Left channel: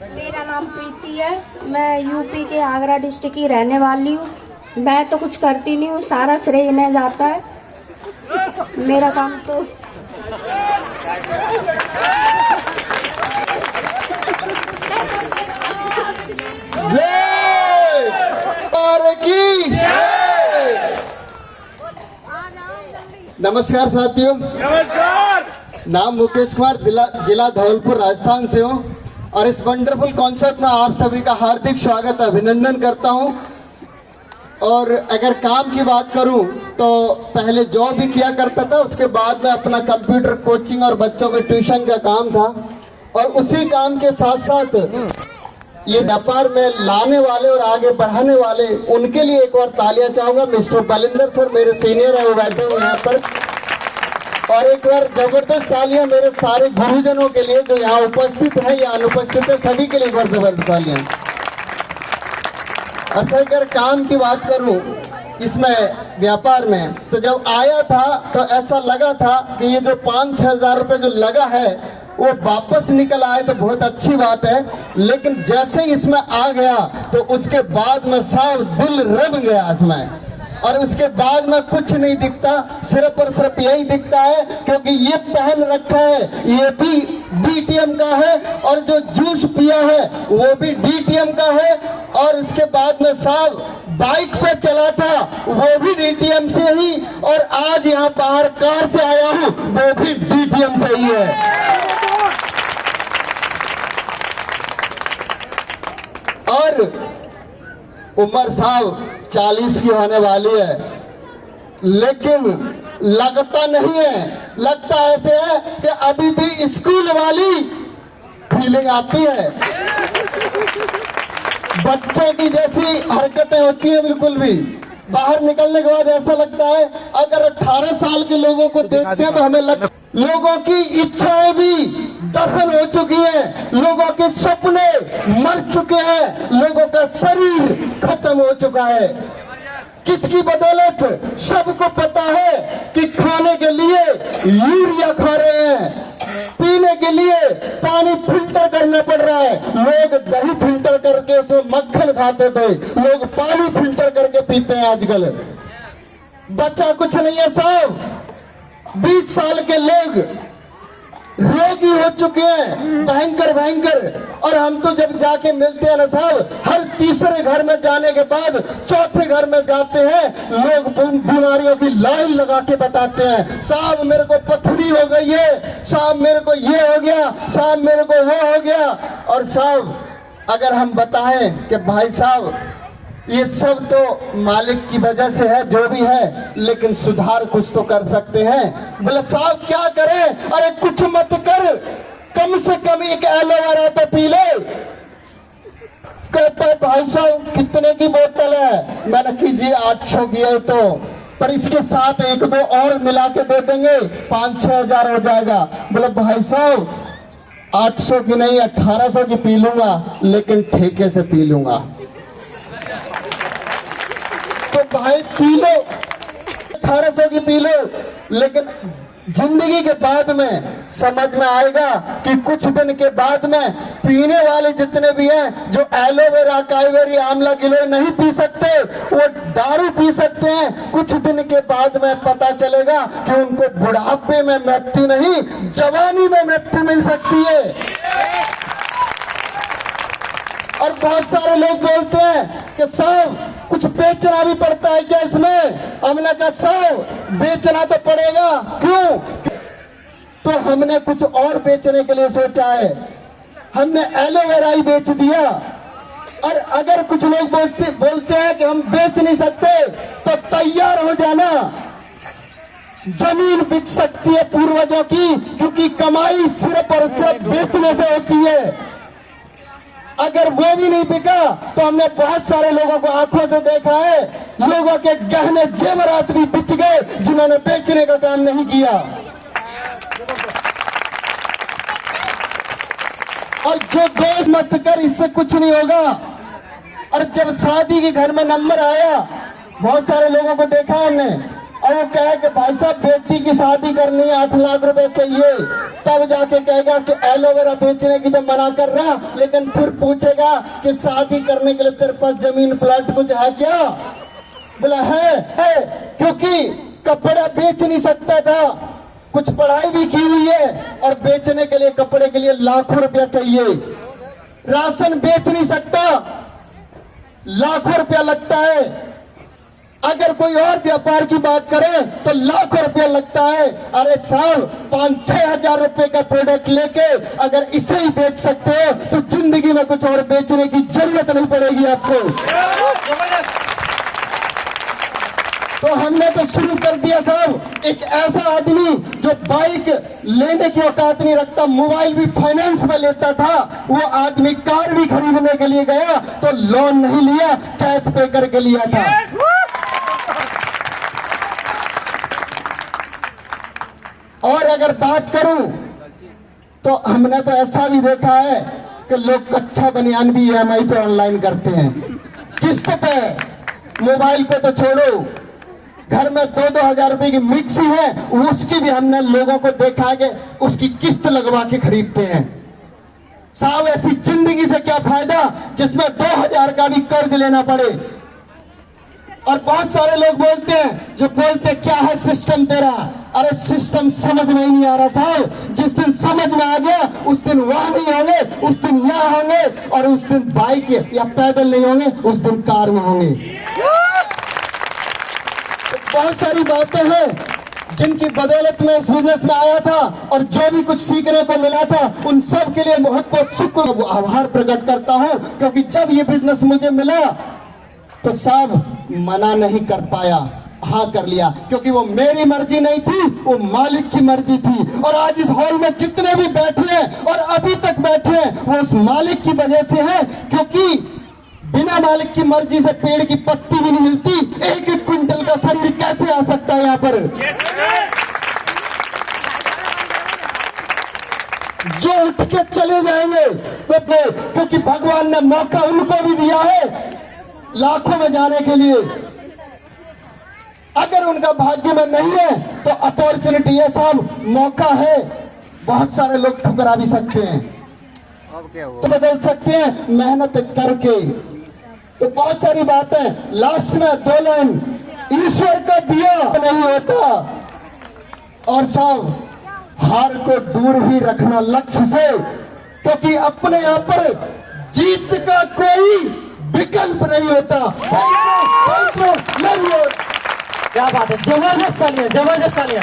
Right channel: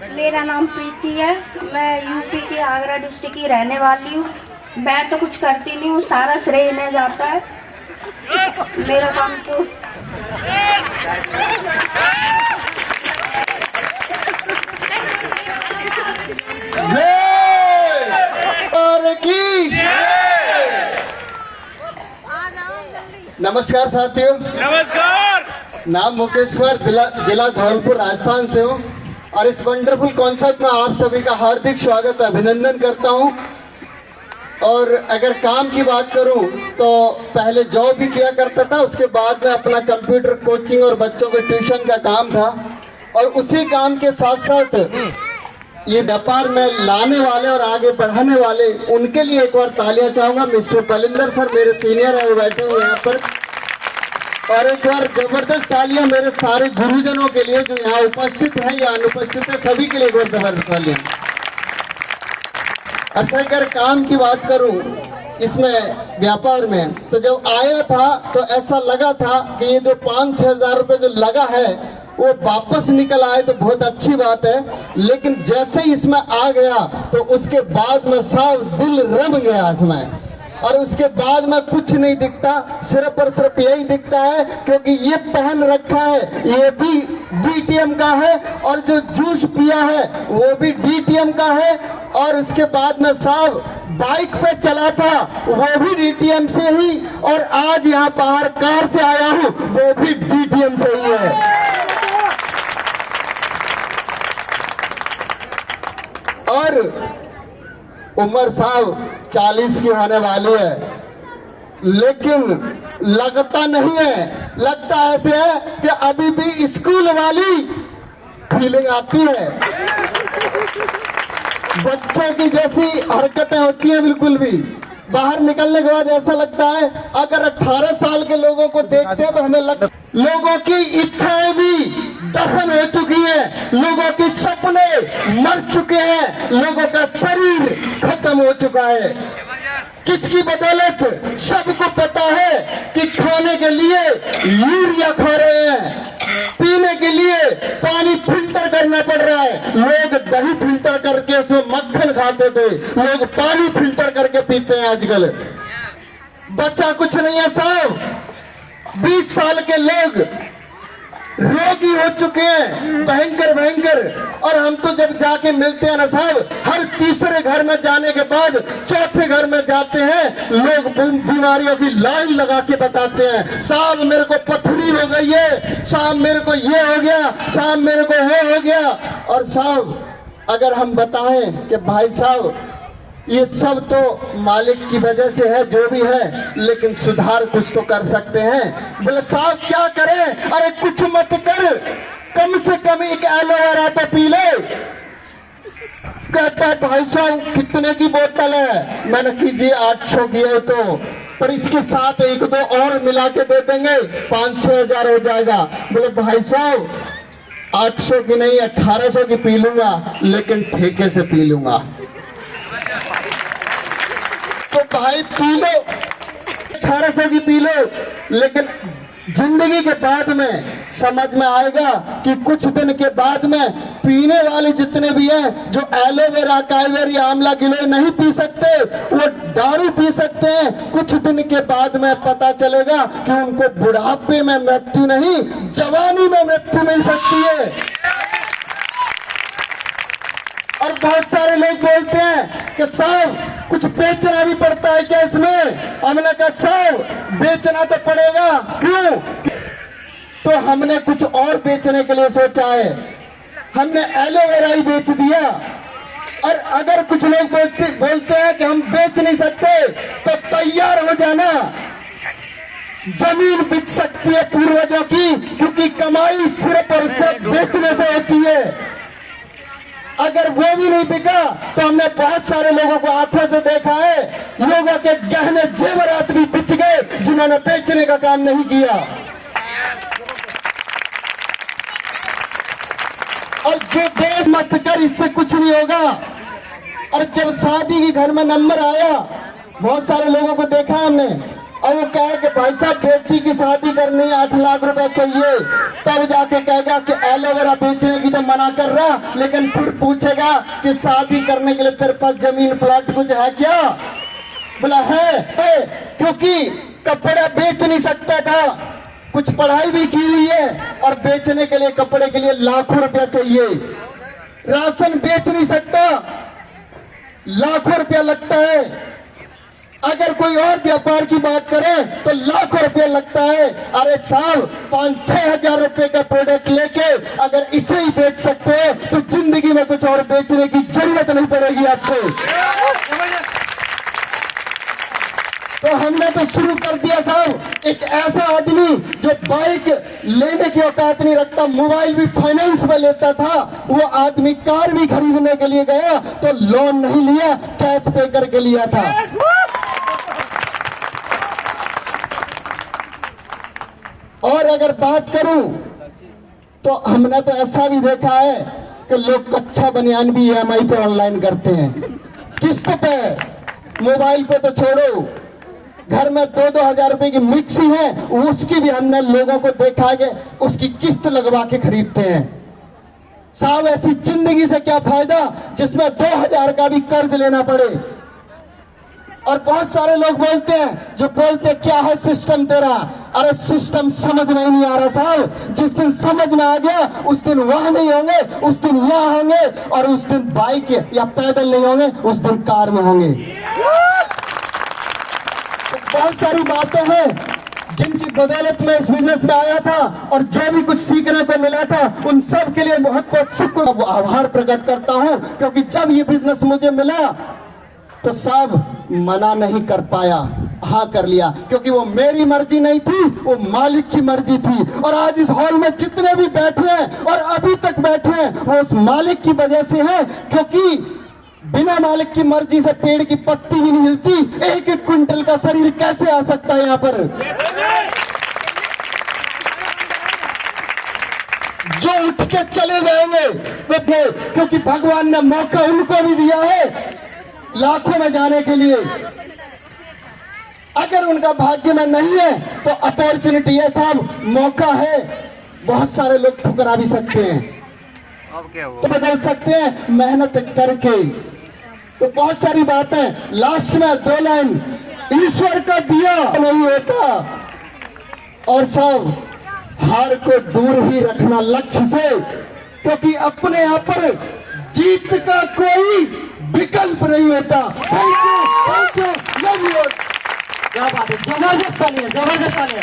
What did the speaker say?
मेरा नाम प्रीति है। मैं यूपी के आगरा डिस्ट्रिक्ट की रहने वाली हूँ। मैं तो कुछ करती नहीं हूँ, सारा श्रेय इन्हें जाता है। मेरा काम तो नमस्कार साथियों। नमस्कार। नाम मुकेश कुमार, जिला धौलपुर राजस्थान से हूँ और इस वंडरफुल कॉन्सर्ट में आप सभी का हार्दिक स्वागत अभिनंदन करता हूँ। और अगर काम की बात करूँ तो पहले जॉब भी किया करता था, उसके बाद में अपना कंप्यूटर कोचिंग और बच्चों के ट्यूशन का काम था। और उसी काम के साथ साथ ये व्यापार में लाने वाले और आगे बढ़ाने वाले, उनके लिए एक बार तालियां चाहूंगा। मिस्टर बलिंदर सर मेरे सीनियर है, वो बैठे हुए यहाँ पर। और एक बार जबरदस्त तालियां मेरे सारे गुरुजनों के लिए जो यहाँ उपस्थित हैं या अनुपस्थित है, सभी के लिए एक बार जबरदस्त तालियां। अच्छा, अगर काम की बात करूं इसमें व्यापार में, तो जब आया था तो ऐसा लगा था कि ये जो 5-6 हजार रुपए जो लगा है वो वापस निकल आए तो बहुत अच्छी बात है। लेकिन जैसे ही इसमें आ गया तो उसके बाद में साफ दिल रम गया इसमें। और उसके बाद में कुछ नहीं दिखता, सिर्फ और सिर्फ यही दिखता है क्योंकि ये पहन रखा है, ये भी डीटीएम का है। और जो जूस पिया है वो भी डीटीएम का है। और उसके बाद में साहब बाइक पे चला था वो भी डीटीएम से ही। और आज यहाँ बाहर कार से आया हूँ वो भी डीटीएम से ही है। और उम्र साहब 40 की होने वाली है, लेकिन लगता नहीं है, लगता ऐसे है कि अभी भी स्कूल वाली फीलिंग आती है। बच्चों की जैसी हरकतें होती हैं, बिल्कुल भी बाहर निकलने के बाद ऐसा लगता है अगर 18 साल के लोगों को देखते हैं तो हमें लोगों की इच्छाएं भी दफन हो चुकी हैं, लोगों के सपने मर चुके हैं, लोगों का शरीर खत्म हो चुका है। किसकी बदौलत? सबको पता है कि खाने के लिए यूरिया खा रहे हैं, पीने के लिए पानी फिल्टर करना पड़ रहा है। लोग दही फिल्टर करके उसमें मक्खन खाते थे, लोग पानी फिल्टर करके पीते हैं आजकल। बच्चा कुछ नहीं है साहब। 20 साल के लोग रोगी हो चुके हैं, भयंकर भयंकर। और हम तो जब जाके मिलते हैं ना साहब, हर तीसरे घर में जाने के बाद चौथे घर में जाते हैं, लोग बीमारियों की लाइन लगा के बताते हैं, साहब मेरे को पथरी हो गई है, साहब मेरे को ये हो गया, साहब मेरे को वो हो गया। और साहब अगर हम बताएं कि भाई साहब ये सब तो मालिक की वजह से है, जो भी है, लेकिन सुधार कुछ तो कर सकते हैं। बोले साहब क्या करें? अरे कुछ मत कर, कम से कम एक एलोवेरा तो पी ले। कहता है भाई साहब कितने की बोतल है? मैंने कीजिए 800 की है तो, पर इसके साथ 1-2 और मिला के दे देंगे, 5-6 हजार हो जाएगा। बोले भाई साहब 800 की नहीं 1800 की पी लूंगा, लेकिन ठेके से पी लूंगा। तो भाई पी लो, 1800 की पी लो, लेकिन जिंदगी के बाद में समझ में आएगा कि कुछ दिन के बाद में पीने वाले जितने भी हैं, जो एलोवेरा काइवेरी आंवला गिलोय नहीं पी सकते, वो दारू पी सकते हैं। कुछ दिन के बाद में पता चलेगा कि उनको बुढ़ापे में मृत्यु नहीं, जवानी में मृत्यु मिल सकती है। और बहुत सारे लोग बोलते हैं कि साहब कुछ बेचना भी पड़ता है क्या इसमें? हमने कहा साहब बेचना तो पड़ेगा। क्यों? तो हमने कुछ और बेचने के लिए सोचा है, हमने एलोवेरा ही बेच दिया। और अगर कुछ लोग बोलते हैं कि हम बेच नहीं सकते, तो तैयार हो जाना, जमीन बिक सकती है पूर्वजों की, क्योंकि कमाई सिर्फ और सिर्फ बेचने से होती है। अगर वो भी नहीं बिका तो हमने बहुत सारे लोगों को आंखों से देखा है, लोगों के गहने जेवरात भी बिक गए जिन्होंने बेचने का काम नहीं किया। और जो देश मत कर, इससे कुछ नहीं होगा। और जब शादी के घर में नंबर आया, बहुत सारे लोगों को देखा हमने, और वो कहे कि भाई साहब बेटी की शादी करनी है 8 लाख रुपए चाहिए, तब जाके कहेगा कि एलोवेरा बेचने की तो मना कर रहा, लेकिन फिर पूछेगा कि शादी करने के लिए तेरे पास जमीन प्लॉट कुछ है क्या? बोला है, क्योंकि कपड़ा बेच नहीं सकता था, कुछ पढ़ाई भी की हुई है और बेचने के लिए कपड़े के लिए लाखों रुपया चाहिए, राशन बेच नहीं सकता, लाखों रुपया लगता है, अगर कोई और व्यापार की बात करें तो लाखों रुपया लगता है। अरे साहब 5-6 हजार रुपए का प्रोडक्ट लेके अगर इसे ही बेच सकते हो तो जिंदगी में कुछ और बेचने की जरूरत नहीं पड़ेगी आपको। तो हमने तो शुरू कर दिया साहब, एक ऐसा आदमी जो बाइक लेने की औकात नहीं रखता, मोबाइल भी फाइनेंस में लेता था, वो आदमी कार भी खरीदने के लिए गया तो लोन नहीं लिया, कैश पे करके लिया था। और अगर बात करूं तो हमने तो ऐसा भी देखा है कि लोग कच्चा बनियान भी EMI पे ऑनलाइन करते हैं, किस्त पे। मोबाइल को तो छोड़ो, घर में 2-2 हजार रुपए की मिक्सी है, उसकी भी हमने लोगों को देखा कि उसकी किस्त लगवा के खरीदते हैं। साहब ऐसी जिंदगी से क्या फायदा जिसमें 2000 का भी कर्ज लेना पड़े। और बहुत सारे लोग बोलते हैं, जो बोलते क्या है सिस्टम तेरा, अरे सिस्टम समझ में नहीं आ रहा साहब। जिस दिन समझ में आ गया उस दिन वहां नहीं होंगे, उस दिन यहाँ होंगे, और उस दिन बाइक या पैदल नहीं होंगे, उस दिन कार में होंगे। तो बहुत सारी बातें हैं जिनकी बदौलत मैं इस बिजनेस में आया था और जो भी कुछ सीखने को मिला था उन सब के लिए बहुत बहुत शुक्र आभार प्रकट करता हूं, क्योंकि जब ये बिजनेस मुझे मिला तो साहब मना नहीं कर पाया, हाँ कर लिया, क्योंकि वो मेरी मर्जी नहीं थी, वो मालिक की मर्जी थी। और आज इस हॉल में जितने भी बैठे हैं और अभी तक बैठे हैं वो उस मालिक की वजह से है, क्योंकि बिना मालिक की मर्जी से पेड़ की पत्ती भी नहीं हिलती। 1-1 क्विंटल का शरीर कैसे आ सकता है यहाँ पर? जो उठ के चले जाएंगे वो, क्योंकि भगवान ने मौका उनको भी दिया है लाखों में जाने के लिए। अगर उनका भाग्य में नहीं है तो अपॉर्चुनिटी है साहब, मौका है। बहुत सारे लोग ठुकरा भी सकते हैं, अब क्या हुआ? तो बदल सकते हैं मेहनत करके। तो बहुत सारी बातें, लास्ट में 2 लाइन, ईश्वर का दिया नहीं होता, और सब हार को दूर ही रखना लक्ष्य से, क्योंकि अपने आप पर जीत का कोई विकल्प नहीं होता। Thank you, love you. क्या बात है, जबरदस्त तालियां, जबरदस्त तालियां।